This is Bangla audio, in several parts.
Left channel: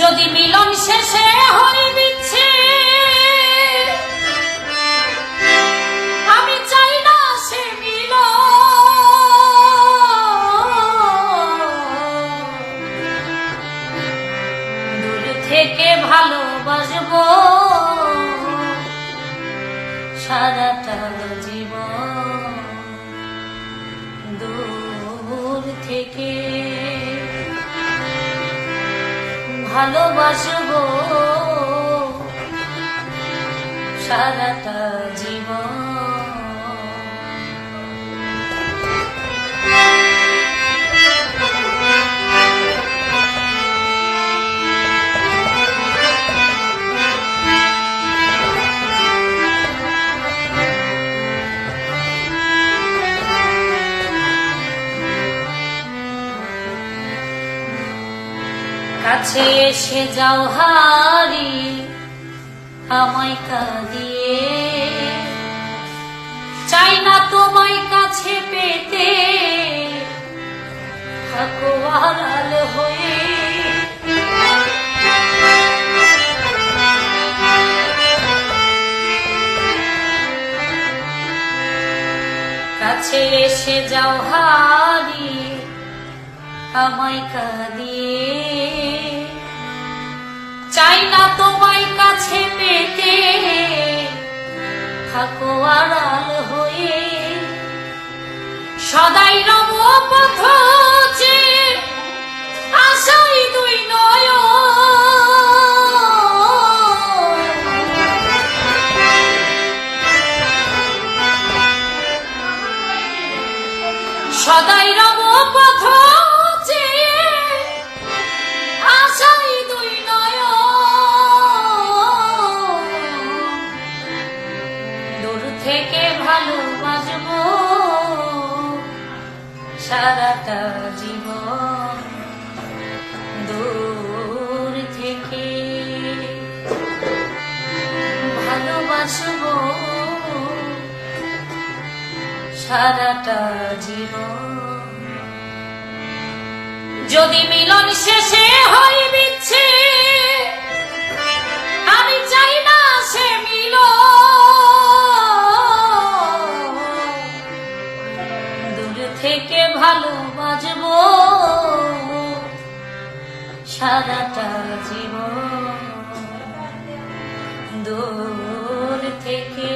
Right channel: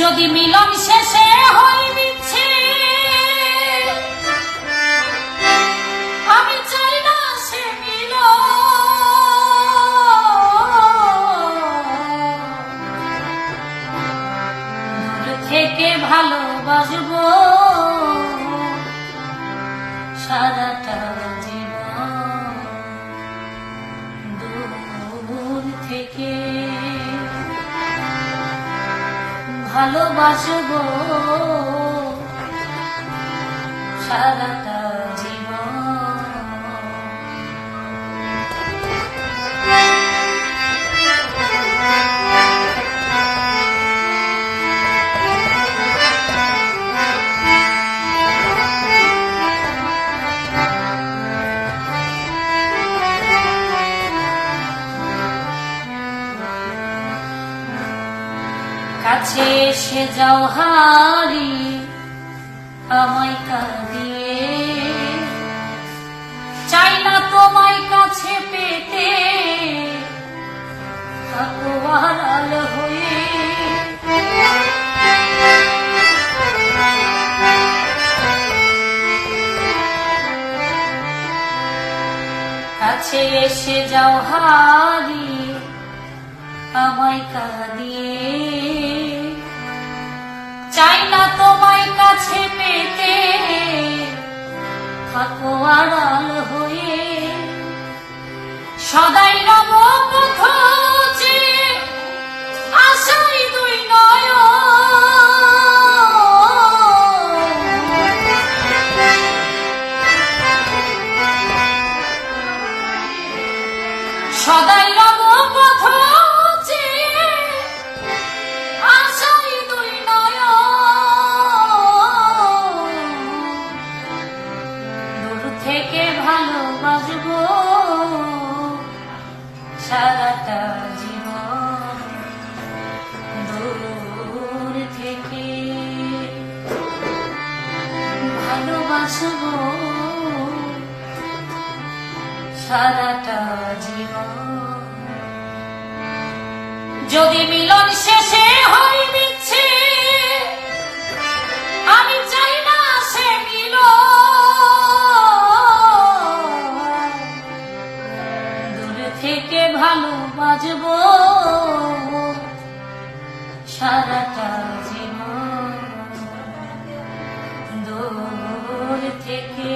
যদি মিলন শেষে হয় বিচ্ছে আমি চাই না সে মিল থেকে ভালোবাসবো সারাটা ভালোবাসবো সারাটা জীবন। কাছে এসে যাও হারি, আমায় কাঁদিয়ে। চাই না তোমায় কাছে পেতে, থাকো আড়াল হয়ে। কাছে এসে যাও হারি, আমায় কাঁদিয়ে। তোমায় কাছে পেতে থাকো আড়াল হয়ে। সদাই নব পথ আশাই নয় সদাই থেকে ভালোবাসবো সারাটা জীবন দূর থেকে ভালোবাসবো। সারাটা জীবন যদি মিলন শেষে হয় ভালোবাসবো সারাটা জীবন দূর থেকে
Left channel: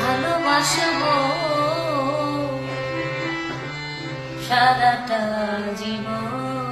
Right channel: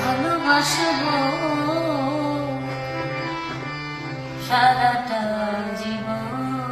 ভালোবাসবো। সারাটা জীবন